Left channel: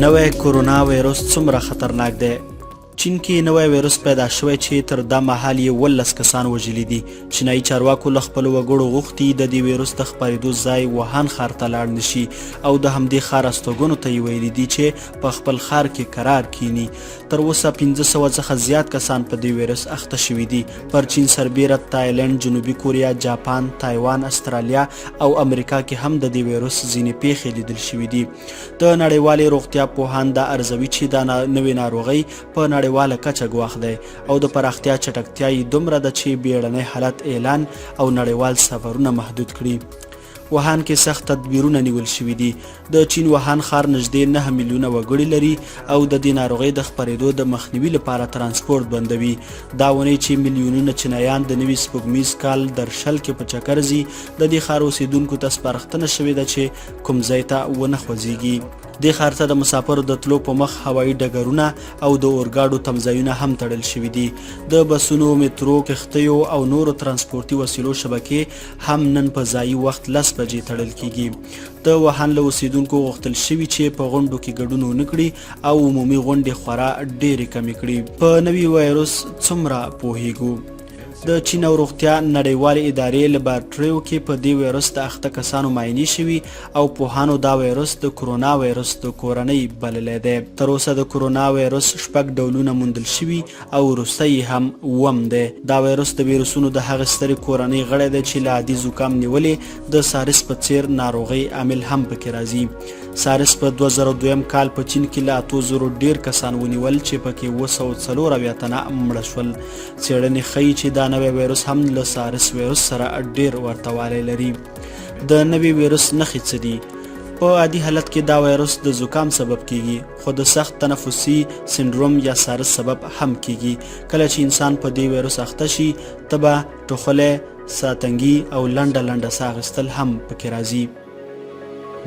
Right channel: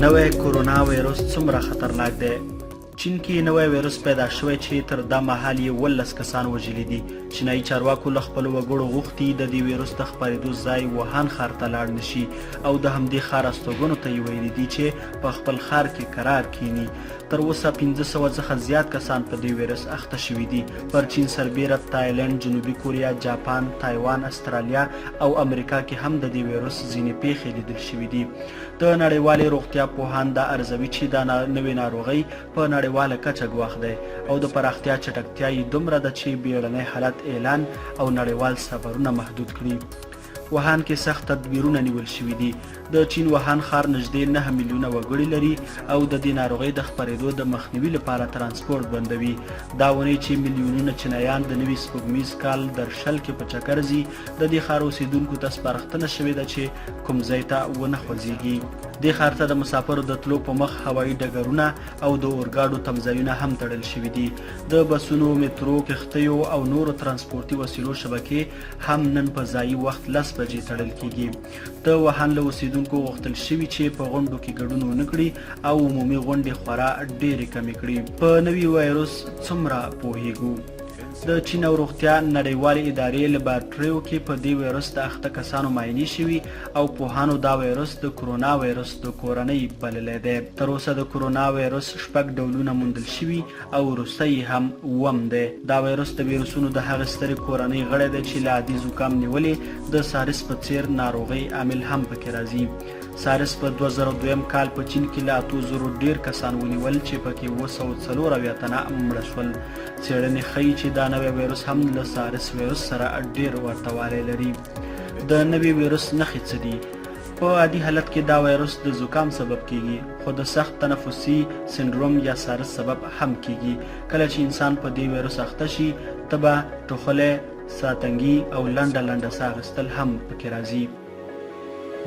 نوی کورونا ویروس څومره خطرناک دی؟ چین کې نوی ویروس پیدا شوی چې تر دا مهال یې 18 کسان وژلي دي. چینایي چارواکو له خپلو وګړو غوښتي د دې ویروس د خپرېدو ځای ووهان ښار ته لاړ نه شي او د همدې ښار استوګنو ته یې ویلي دي چې په خپل ښار کې قرار کینی. تر اوسه 500 څخه زیات کسان په دې ویروس اخته شوي دي. پر چین سربیره تایلند، جنوبي کوریا، جاپان، تایوان، استرالیا او امریکا کې هم د دې ویروس ځینې پیښې لیدل شوي دي. د نړیوالې روغتیا پوهان دا ارزوي چې دا نوې ناروغۍ په نړیواله کچه ګواښ دی او د پراختیا چټکتیا یې دومره ده چې بیړنی حالت اعلان او نړیوال سفرونه محدود کړي. ووهان کې سخت تدبیرونه نیول شوي دي. د چین ووهان ښار نږدې 9 میلیونه وګړي لري او د دې ناروغۍ د خپرېدو د مخنیوي لپاره ترانسپورت بندوي. دا ونې چې میلیونونه چینایان د نوي سپوږمیز کال درشل کې په چکر ځي، د دې ښار اوسیدونکو ته سپارښتنه شوې ده چې کوم ځای ته ونه خوځېږي. دې ښار ته د مسافرو د تلو په مخ هوایي ډګرونه او د اورګاډو تمځایونه هم تړل شوي دي. د بسونو، میترو، کښتیو او نورو ترانسپورتي وسیلو شبکې هم نن په ځایي وخت 10 بجې تړل کیږي. د ووهان له اوسیدونکو غوښتل شوي چې په غونډو کې ګډون ونه کړي او عمومي غونډې خورا ډېرې کمې کړي. په نوي وایروس څومره پوهیږو؟ د چین او روغتیا نړیوالې ادارې لابراتوریو کې په دې ویروس د اخته کسانو معاینې شوي او پوهانو دا ویروس د کورونا ویروس د کورنۍ بللی دی. تر اوسه د کورونا ویروس 6 ډولونه موندل شوي او وروستی هم 7 دی. دا ویروس د ویروسونو د هغې سترې کورنۍ غړی دی چې له عادي زکام نیولې د سارس په څیر ناروغۍ عامل هم پکې راځي. سارس په 2002 کال په چین کې له 8,000 ډیر کسان ونیول چې پکې 240 تنه مړه شول. څېړنې ښیي چې دا نوی ویروس هم له سارس ویروس سره ډیر ورته والی لري. د نوي ویروس نښې څه دي؟ په عادي حالت کې دا ویروس د زکام سبب کیږي، خو د سخت تنفسي سنډروم یا سارس سبب هم کیږي. کله چې انسان په دې ویروس اخته شي، تبه، ټوخلی، ساتنګي او لنډه ساه اخیستل هم پکې راځي.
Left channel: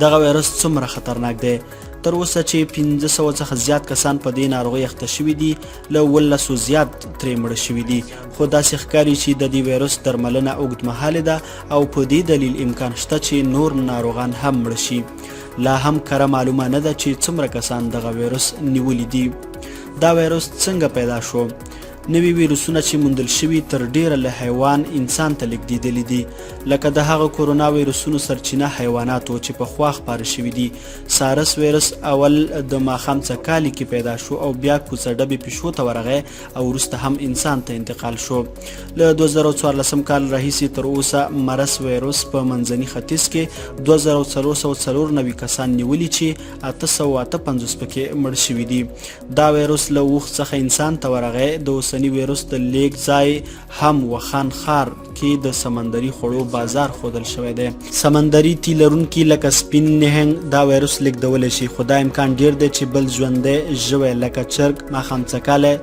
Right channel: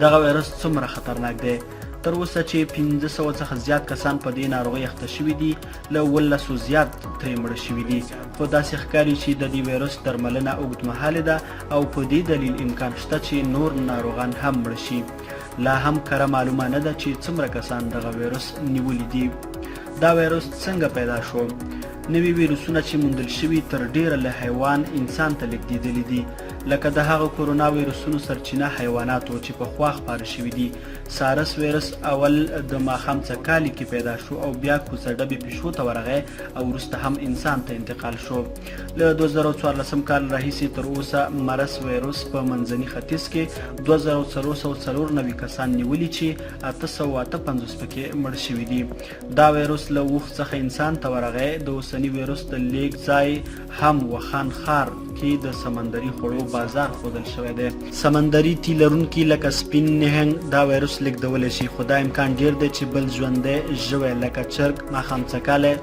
دغه ویروس څومره خطرناک دی؟ تر اوسه چې 500 څخه زیات کسان په دې ناروغۍ اخته شوي دي، له 18 زیات ترې مړه شوي دي. خو داسې ښکاري چې د دې ویروس درملنه اوږدمهاله ده او په دې دلیل امکان شته چې نور ناروغان هم مړه شي. لا هم کره معلومه نه ده چې څومره کسان دغه ویروس نیولي دي. دا ویروس څنګه پیدا شو؟ نوي ویروسونه چې موندل شوي تر ډیره له حیوان انسان ته لیږدېدلي دي. لکه د هغه کورونا ویروسونو سرچینه حیوانات و چې پخوا خپاره شوي دي. سارس ویروس اول د ماښام څکالي کې پیدا شو او بیا کوڅه ډبې پیشو ته ورغی او وروسته هم انسان ته انتقال شو. له 2014 کال راهیسې تر اوسه مرس ویروس په منځني ختیځ کې 2494 کسان نیولي چې 858 پکې مړ شوي دي. دا ویروس له اوښ څخه انسان ته ورغی. د اوسني ویروس د لیږد ځای هم ووهان ښار کې د سمندري خوړو بازار ښودل شوی دی. سمندري تی لرونکي لکه سپین نهنګ دا ویروس لیږدولی شي، خو دا امکان ډیر دی چې بل ژوندی ژوی لکه چرګ، ماښام څکالی،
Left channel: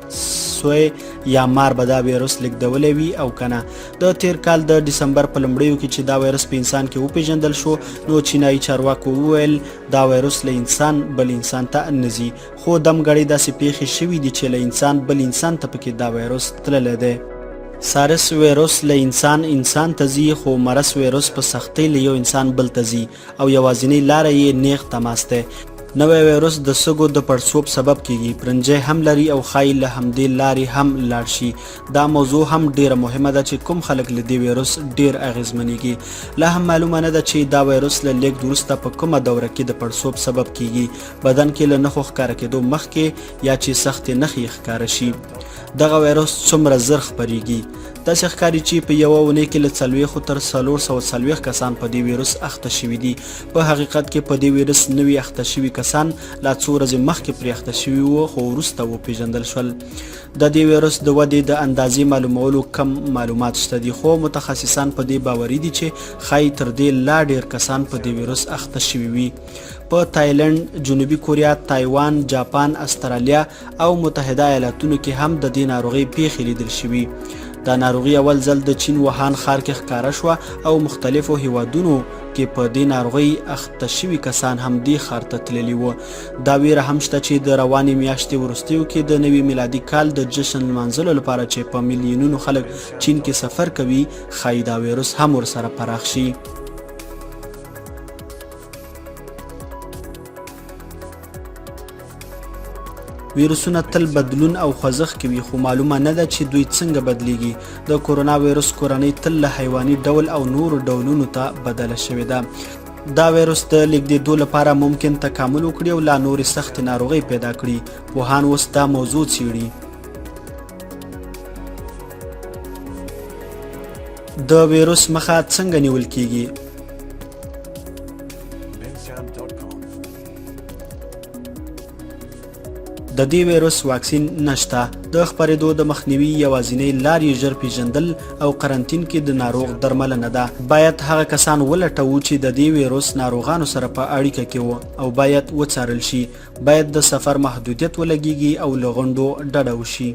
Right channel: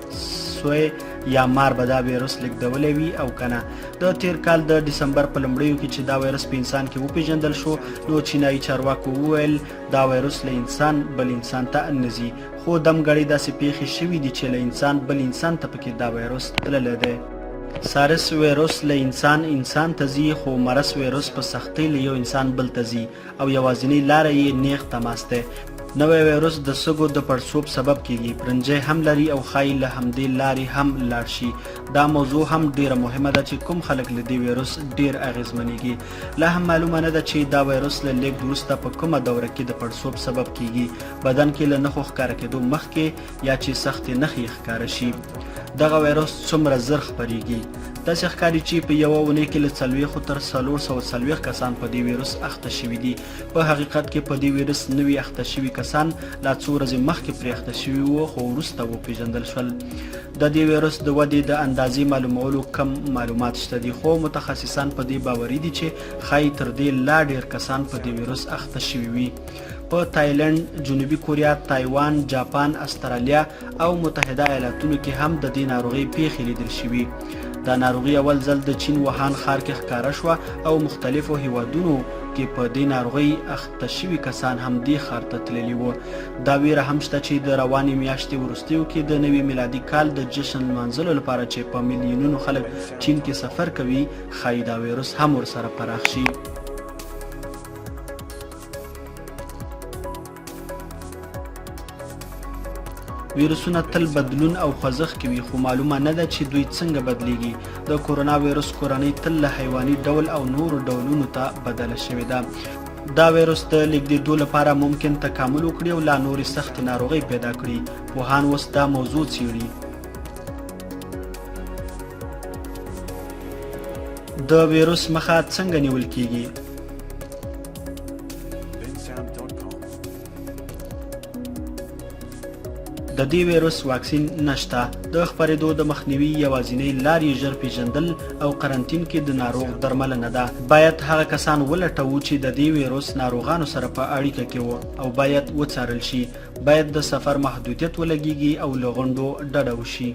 سوی یا مار به دا ویروس لیږدولی وي او کنه. د تیر کال د ډسمبر په لومړیو کې چې دا ویروس په انسان کې وپیژندل شو، نو چینایي چارواکو وویل دا ویروس له انسان بل انسان ته نه ځي. خو دمګړۍ داسې پیښې شوي دي چې له انسان بل انسان ته پکې دا ویروس تللی دی. سارس ویروس له انسان ته ځي، خو مرس ویروس په سختۍ له یو انسان بل ته ځي او یوازینۍ لاره یې نیغ تماس دی. نوی ویروس د سږو د پړسوب سبب کیږي، پرنجی هم لري او ښایي له همدې لارې هم لاړ شي. دا موضوع هم ډیره مهمه ده چې کوم خلک له دې ویروس ډیر اغیزمنېږي. لا هم معلومه نه ده چې دا ویروس له لیږد وروسته په کومه دوره کې د پړسوب سبب کیږي، بدن کې له نښو ښکاره کېدو مخکې یا چې سختې نښې ښکاره شي. دغه ویروس څومره زر خپریږي؟ داسې ښکاري چې په یوه اونۍ کې له 40 تر 440 کسان په دې ویروس اخته شوي دي. په حقیقت کې په دې ویروس نوي اخته شوي کسان لا څو ورځې مخکې پرې اخته شوي وو، خو وروسته وپېژندل شول. د دې ویروس د ودې د اندازې معلومولو کم معلومات شته دي، خو متخصصان په دې باوري دي چې ښایي تر دې لا ډیر کسان په دې ویروس اخته شوي وي. په تایلند، جنوبي کوریا، تایوان، جاپان، استرالیا او متحده ایالاتونو کې هم د دې ناروغۍ پیښې لیدل شوي. دا ناروغي اول ځل د چین ووهان ښار کې ښکاره شوه او مختلفو هیوادونو کې په دې ناروغۍ اخته شوي کسان هم دې ښار ته تللي وو. دا ویره هم شته چې د روانې میاشتې وروستیو کې د نوي میلادي کال د جشن لمانځلو لپاره چې په میلیونونو خلک چین کې سفر کوي، ښایي دا ویروس هم ورسره پراخ شي. ویروسونه تل بدلون او خوځښت کوي خو معلومه نه ده چې دوی څنګه بدلیږي. د کورونا ویروس کورنۍ تل له حیواني ډول او نورو ډولونو ته بدله شوې ده. دا ویروس د لیږدېدو لپاره ممکن تکامل وکړي او لا نورې سختې ناروغۍ پیدا کړي. پوهان اوس دا موضوع څېړي. د ویروس مخه څنګه نیول کیږي؟ د دې ویروس واکسین نشته. د خپرېدو د مخنیوي یوازینۍ لار یې ژر پیژندل او قرنطین کې د ناروغ درملنه ده. باید هغه کسان ولټوو چې د دې ویروس ناروغانو سره په اړیکه کې وو او باید وڅارل شي. باید د سفر محدودیت ولګیږي او له غونډو ډډه وشي.